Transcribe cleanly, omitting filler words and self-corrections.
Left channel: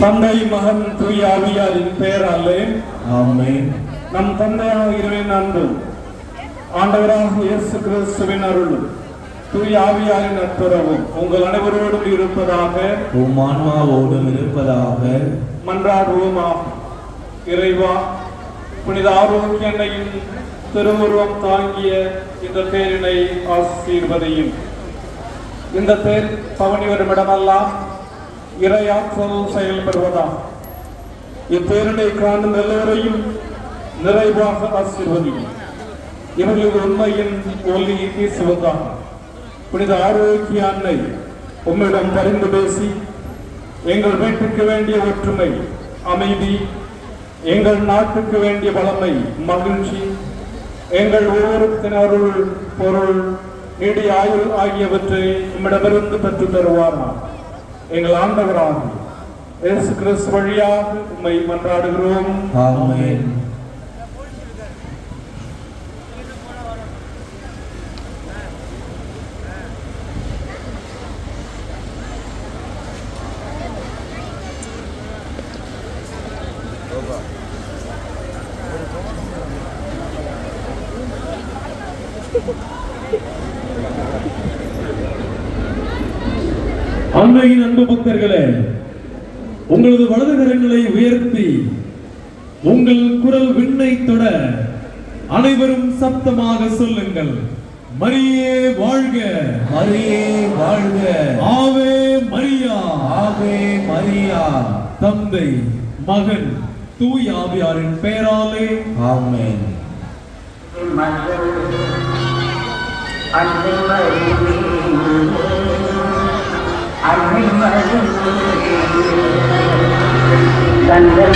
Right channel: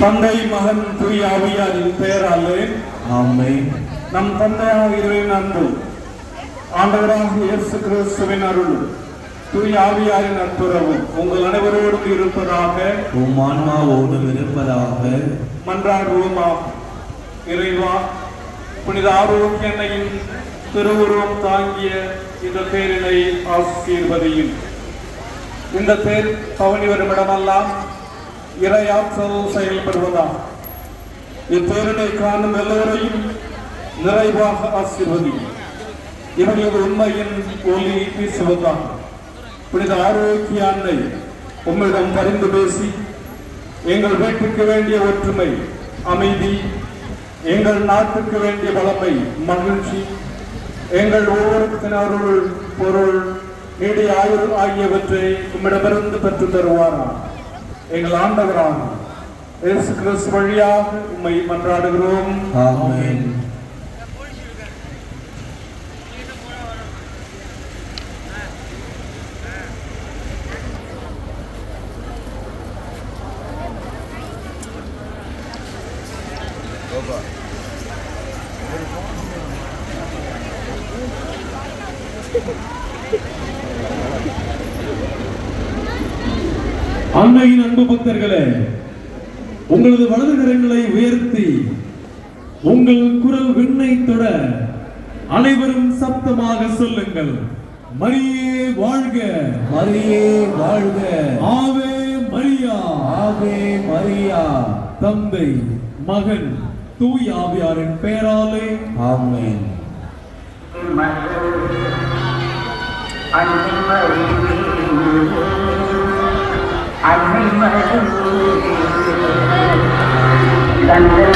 தந்தை மகன் தூய ஆவியாரின் பெயராலே ஆமென். நம் தந்தையாக இறைவனின் அன்பு, ஆண்டவராக இயேசு கிறிஸ்துவின் அருளும், தூய ஆவியாரின் நட்புறவும் உங்கள் அனைவரோடும் இருப்பதாக. உம் ஆன்மாவோடும் இருப்பதாக. மன்றாடுவோமாக. இறைவா, புனித ஆரோக்கியனையும் திருவுருவம் தாங்கிய இந்த பேரினை ஆசீர்வதியும். இந்த பேர் பவனி வரும் இடமெல்லாம் இறையாற்றல் செயல்படுவதா. இப்பேரினை காணும் எல்லோரையும் நிறைவாக ஆசீர்வதியும். இவர்களது உண்மையின் ஒலி வீசுவதா. புனித ஆரோக்கிய அன்னை உம்மிடம் பரிந்து பேசி எங்கள் வீட்டுக்கு வேண்டிய ஒற்றுமை, அமைதி, எங்கள் நாட்டுக்கு வேண்டிய வளமை, மகிழ்ச்சி, எங்கள் ஒவ்வொருத்தினருள் பொருள், நீடிய ஆயுள் ஆகியவற்றை உம்மிடமிருந்து பெற்று தருவாரா. எங்கள் ஆண்டவராக இயேசு கிறிஸ்து வழியாக உம்மை மன்றாடுகிறோம். ஆமென். அன்னையின் அன்பு பக்தர்களே, உங்களது வலது கரங்களை உயர்த்தி உங்கள் குரல் விண்ணை தொட அனைவரும் சப்தமாக சொல்லுங்கள். மரியே வாழ்க, மரியே வாழ்க. ஆவே மரியா, ஆவே மரியா. தந்தை மகன் தூய ஆவியாரின் பெயராலே ஆமென். அன்னை